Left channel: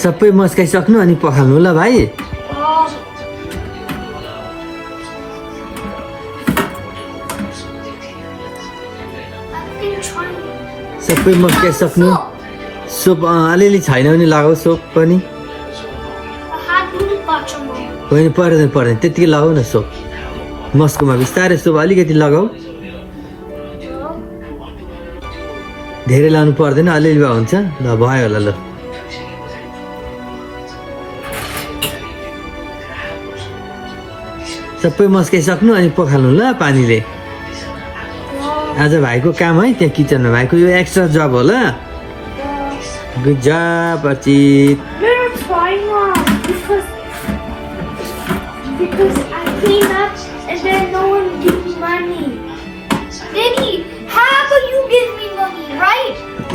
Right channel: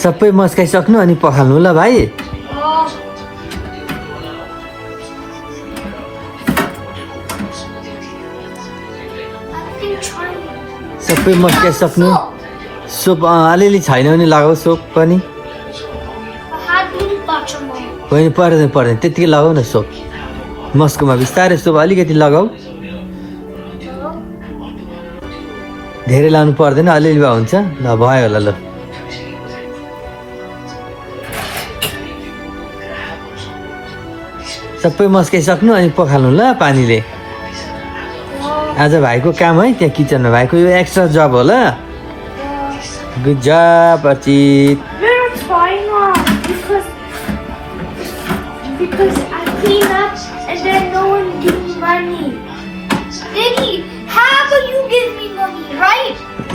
सबै मस्काइसक्नु अनि पखाल्नु ल भाइ। सबै मस्काइसक्नु। सोप अलिअलि छैन भने लगाऊ सोप पनि। होइन पर्दैन पर्दैन त्यतिकै लगाऊ न सोप। मस्कोमा बिस्तारै सोप अलिकति लगाऊ। धेरै लाउनु पर्दैन अलिअलि भए हुन्छ। ल भयो होला ल। सबै मस्काइसक्नु अनि पखाल्नु ल पानीले। आज भाइको काम है त्यहाँ किचनमा। भाइको यो एक्स्ट्रा जब हो ल। Good job Archit.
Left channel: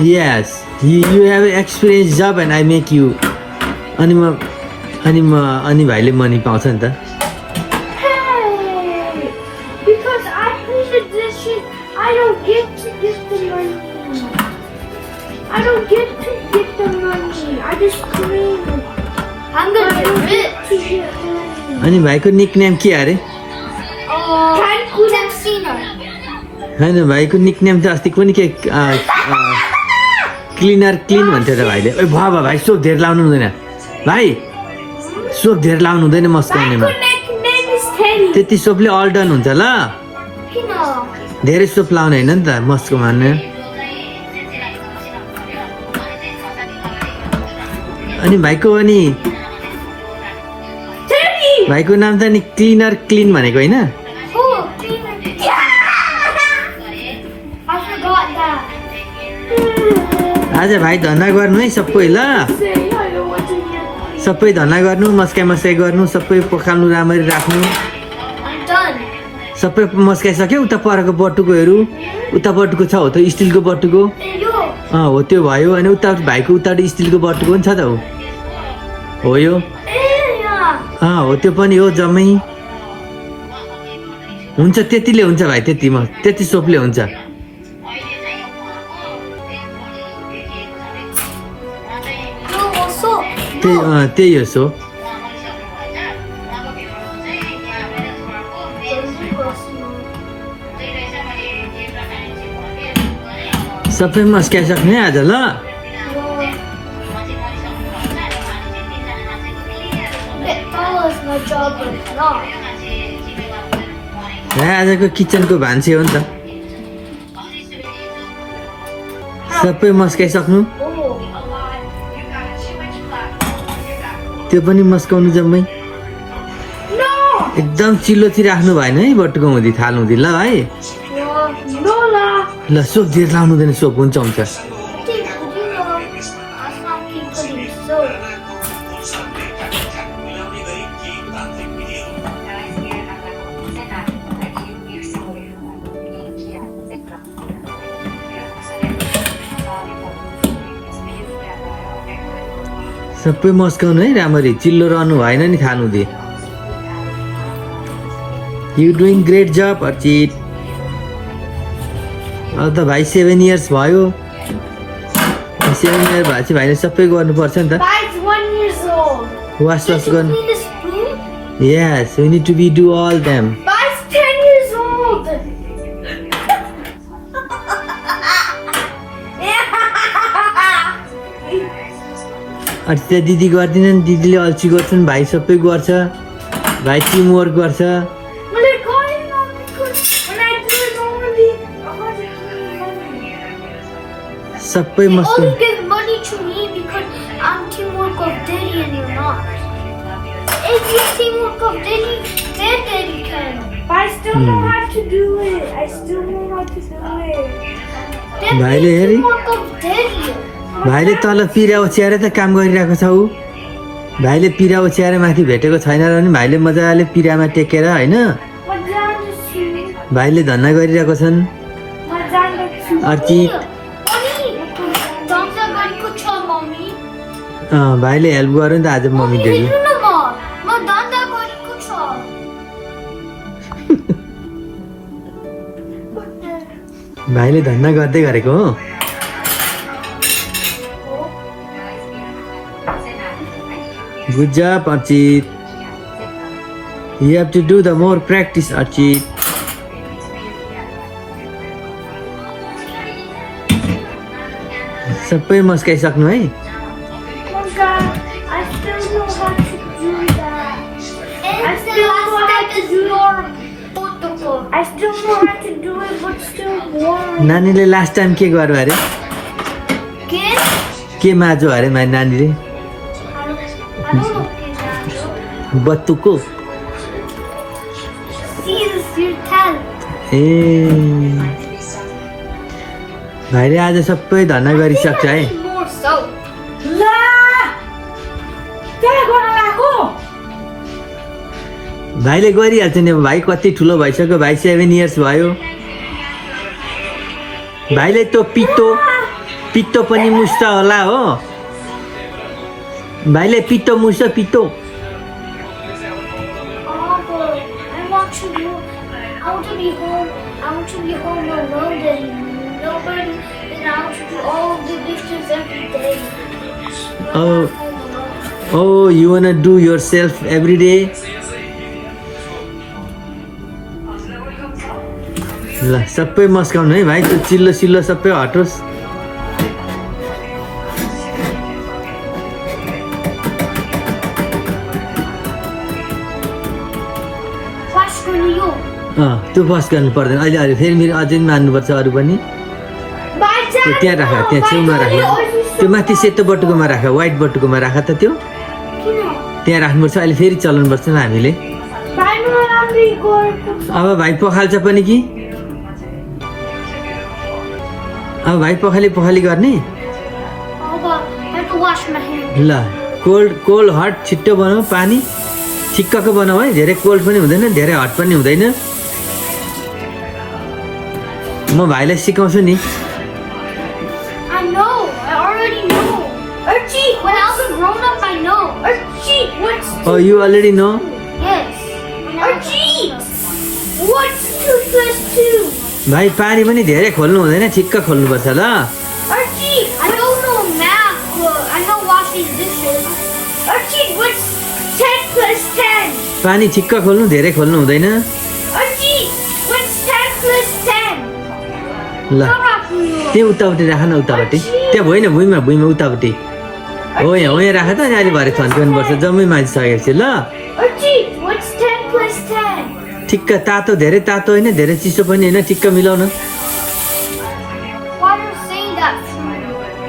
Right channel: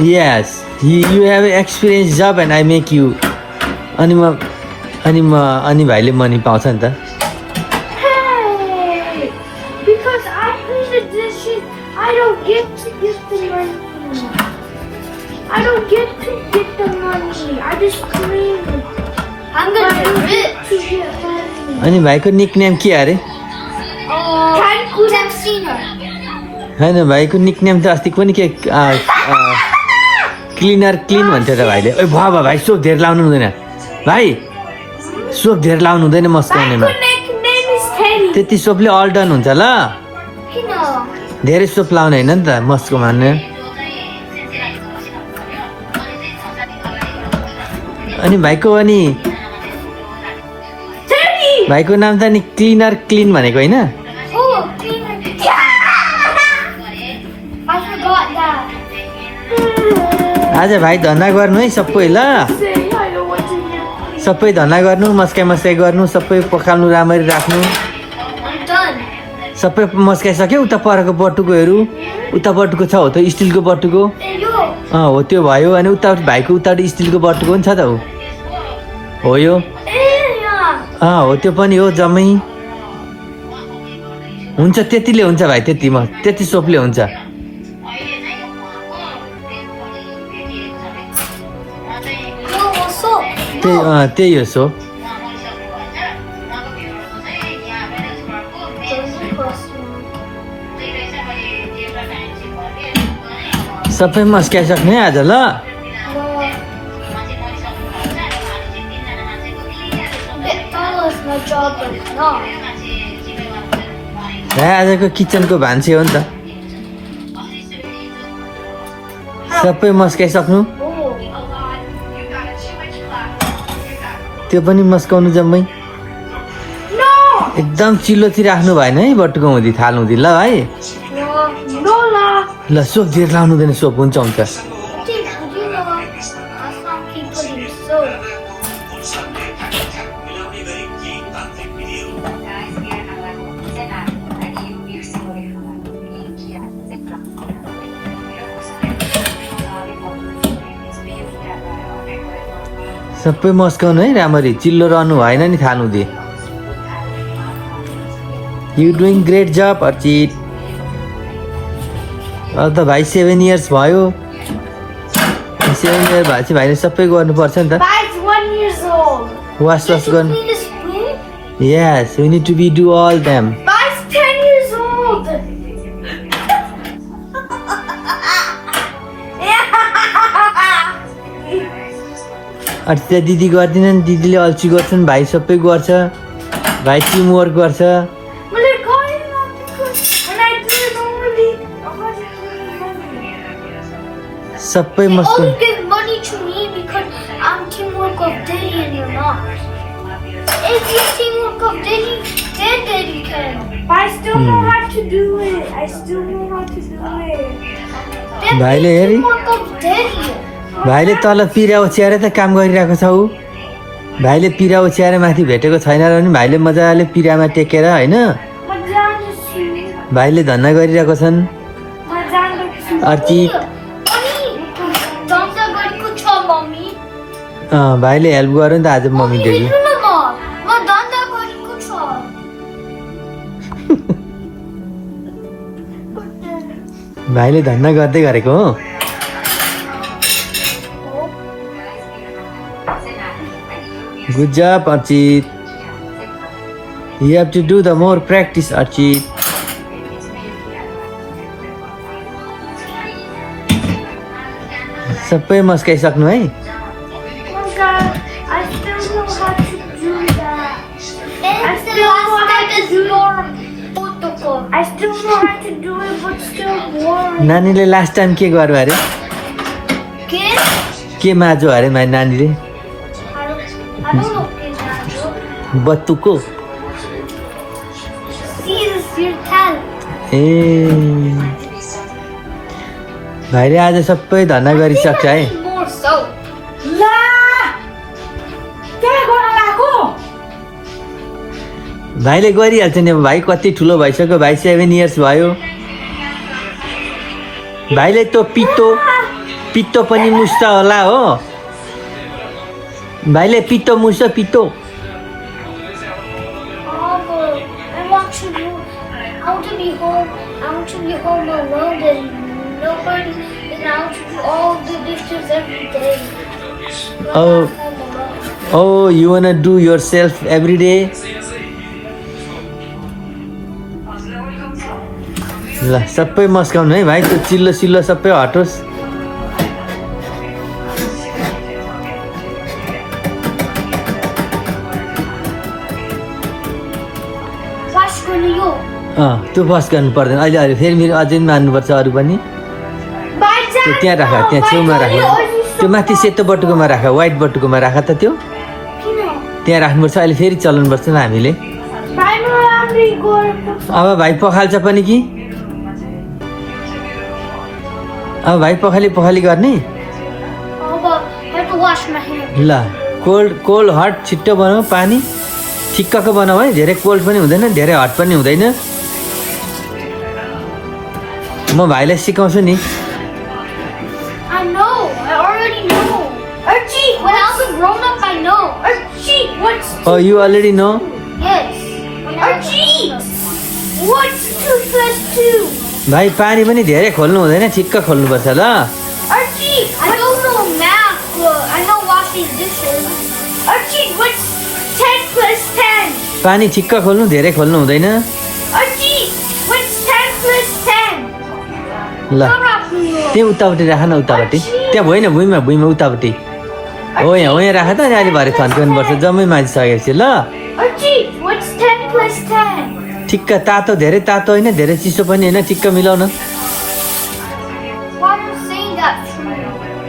Yes, you have experience job and I make you. अनि भाइले मनी पाउँछ नि त। Because I clean the dishes, I don't get to get the money. I don't get to get the money. I just clean it. I'm gonna get rich. अनि भाइको nickname के अरे? होइन भाइको निकनेम त अस्ति पनि के क्लिनर क्लिन भन्थ्यो त भाइले। ओइ भयो भाइ सोप धेरै लाउनु हुँदैन भाइ। सोप धेरै लाउनु हुँदैन मस्काउनेमा। त्यति सोपले अल डन हुन्छ ल। धेरै सोप लाउने होइन नि त मस्कोमा। अनि भाइको नाम त नि क्लिनर क्लिन भनेको होइन? आज भाइ धन्दा गर्नु है सबै ल। सबै धन्दा गर्नु, मस्काइ गर्नु, सबै पखाल्नु, राम्ररी राख्नु। सबै मस्काइसक्यो। उता परको बटुकोहरू उता बटुको छ हो त स्टिलको बटुको। हो त्यो भयो। अनि उता भाइको उता स्टिलको बटुको पनि छ त हो यो। हो त्यो पनि हो जम्मै। हुन्छ त्यतिले हुन्छ भाइ। त्यति सोपले हुन्छ। त्यही हो सोप। सबै मस्काइसक्ने आज ल। आजको किचनको भान्से हो नि त। सबै मस्काइसक्नु। त्यो पनि मस्काउनु जम्मै। एकदम चिल्लोतिर राख्नु भएन है बटुको हुँदी थाल हुँदी ल भाइ। ल सोप धेरै लाउनु हुँदैन। सोप हुन्छ। सबै मस्काउनु है राम्ररी। चिल्लो रहनु भएन नि खानु दे। यु डुइङ ग्रेट जब अर्चित। अब त भाइ 7 इयर्स भयो। 7 इयर्स भएपछि भाइले सबै गर्नुपर्छ नि त। वास गर्नु। Yes, we need to do all them. Bye's 10 years old. Archit दिदी गर्दिनन्। दिदीले अल्छी गर्छन्। भाइ सबै गर्छ। भाइ टिम वर्क गर्छ। सबै मस्त। Only give money to me because I'm teamwork of Delhi and you're not. If you're teamwork of Delhi, then you can. I still know how to do it. भाइले हेरी Teamwork of Delhi. भाइले तल पिरा ओछ्याएर त काम गरिरहेको छ। भाइले पिरा ओछ्याएर माथि भेटेको छैन र पनि भाइले मजाले पिरामा टेकेर होइन भाइले धन्दा गरिरहेको छन्। अर्चित भाइले हेल्प गर्यो नि त आज मम्मी डेली। भाइले धन्दा गर्दै गरेको हो। Good job, Archit. You have to do the more practice, Archit. सबै मस्काइसक्नु है नानीले लास्ट टाइम के गर्यो अरे के माझो अरे नानीले बत्तुको ए भाइले आज सबै धन्ना गरिसक्छ है भाइले गरिहाल्छ नि अब भाइ कति ठुलो भइसक्यो भाइ 7 इयर्स भयो भाइले त पित्तो पनि मुस्छ होला हो भाइले पित्तो मुस्छ पित्तो Oh, you wanna do yourself every day? ल सबै मस्काउनु है भाइ त्यो चिल्लो सिल्लो सबै हटोस् त्यो बस गर्नु पर्दैन अहिले अहिले फेरि मेरो अझै मार्नुपर्छ अरू पनि त्यहाँ राख त्यहाँ छेउमा राख त्यो माथि सेतो बटुकोमा राख व्हाइट बटुकोमा राख त त्यो त्यहाँ राख्नुपर्छ अहिले फेरि चलाउनुपर्छ ल हामीले अब भाइ पखाल्छ पनि कि अब भाइ पखाली गर्ने ल कोल्ड हट छिट्टो बनाऊ पानी ठिक्कको बनाऊ है धेरै कोल्ड पनि हुँदैन धेरै हट पनि हुँदैन म भाइलाई सिकाउँछु नि Oh, you already know? Yes. What's 2 plus 2? भाइ पानी पनि धेरै खोल्नु हुँदैन ठिक्क खोल्नुपर्छ ल Archie, I don't know math, but I know washing dishes. Archie, what's 10 plus 10? पानी ठिक्क खोल्नु धेरै खोल्नु हुँदैन Archie, what's 10 plus 10? ल त्यहाँ उतापट्टि राख न उतापट्टि त्यहाँ होइन भुइँमा उतापट्टि हो यहाँ राख त अहिले भरे थन्काउनुपर्छ जम्मै मान्छे ल Archie, what's 10 plus 10? ठिक्क तातो धेरै तातो होइन धेरै चिसो पनि होइन ठिक्क मिलाउन Mama's saying that.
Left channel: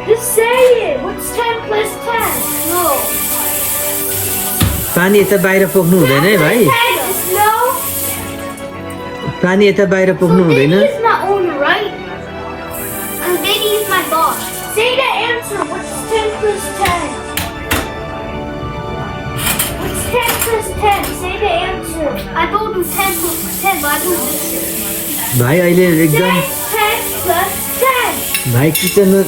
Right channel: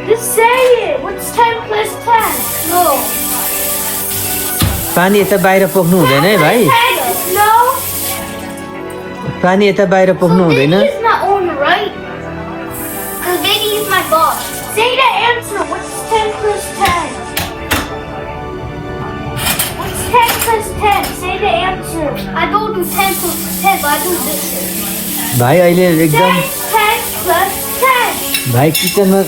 Just say it. What's 10 plus 10? Go. पानी यता बाहिर पोख्नु हुँदैन है भाइ No. पानी यता बाहिर पोख्नु हुँदैन Baby is my owner, right? Baby is my boss. Say the answer. What's 10 plus 10? What's 10 plus 10? Say the answer. I don't do 10 plus 10, but I do this. भाइ अहिले एकदम 10 plus 10. भाइ किचनमा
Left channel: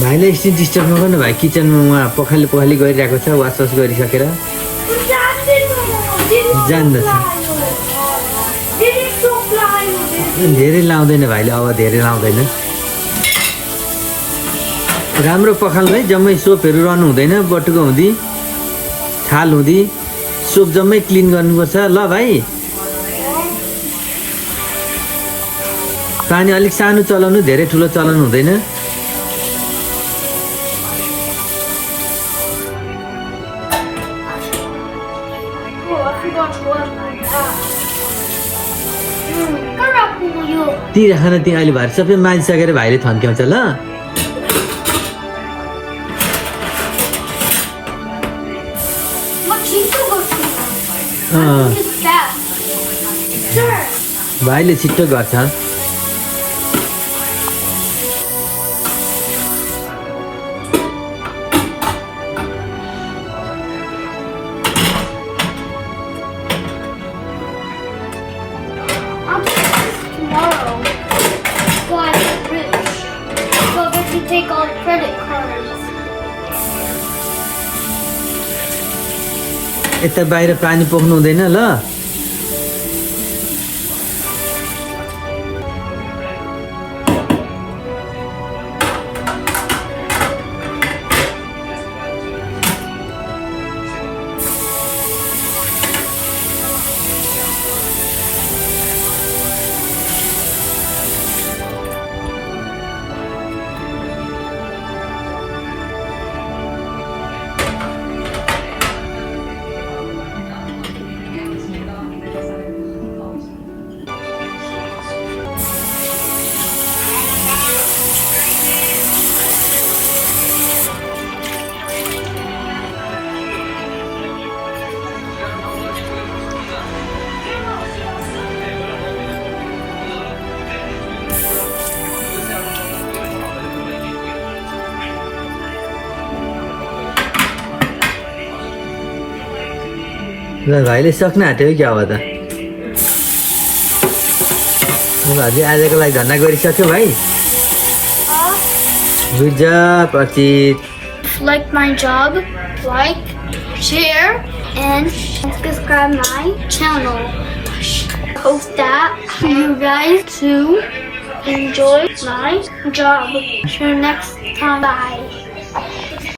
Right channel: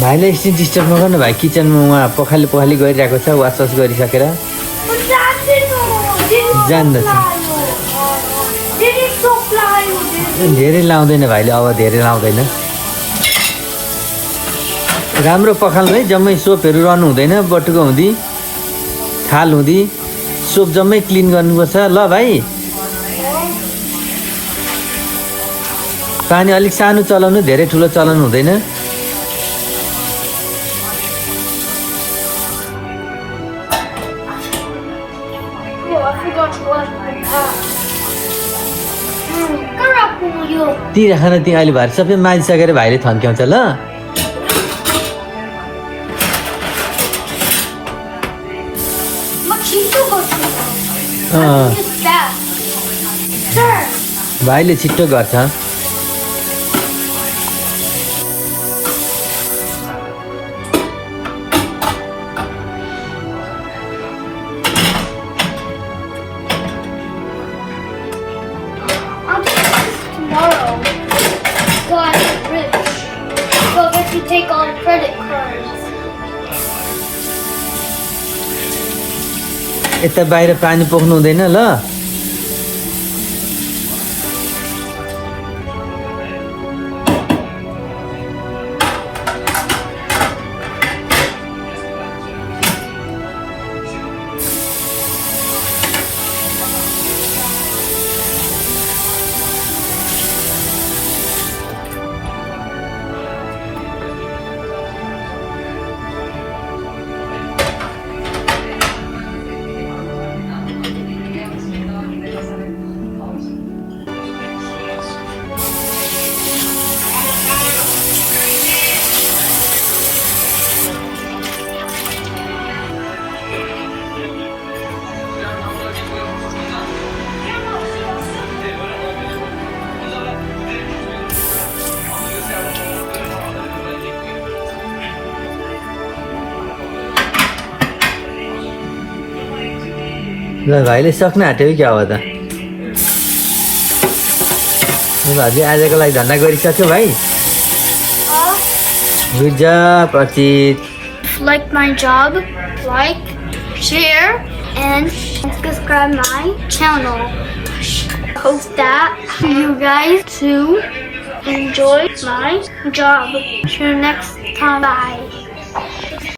भाइले एकछिन डिस्टर्ब नगर्नु भाइ किचनमा उहाँ पखाली गरिरहेको छ वासवास गरिसकेर जान्दछ धेरै लाउँदैन भाइले अब धेरै लाउँदैन राम्रो पखाल्नु है जम्मै सोपहरू रहनु हुँदैन बटुको हुँदी थाल हुँदी सोप जम्मै क्लिन गर्नुपर्छ ल भाइ पानी अलिक सानो चलाउनु धेरै ठुलो चलाउनु हुँदैन ती राखन ती अहिले भाइ सबै माजिसकेर भाइले थन्क्याउँछ ल भाइले छिट्टो गर्छ यता बाहिर पानी पोख्नु हुँदैन ल ल भाइले सक्न आँट्यो क्या हो त भाइले आजको लागि धन्दा गरिसक्यो भाइ good job Archit Like my job, like, share, and subscribe my channel. Hope that you guys to enjoy my job. See you next time. Bye.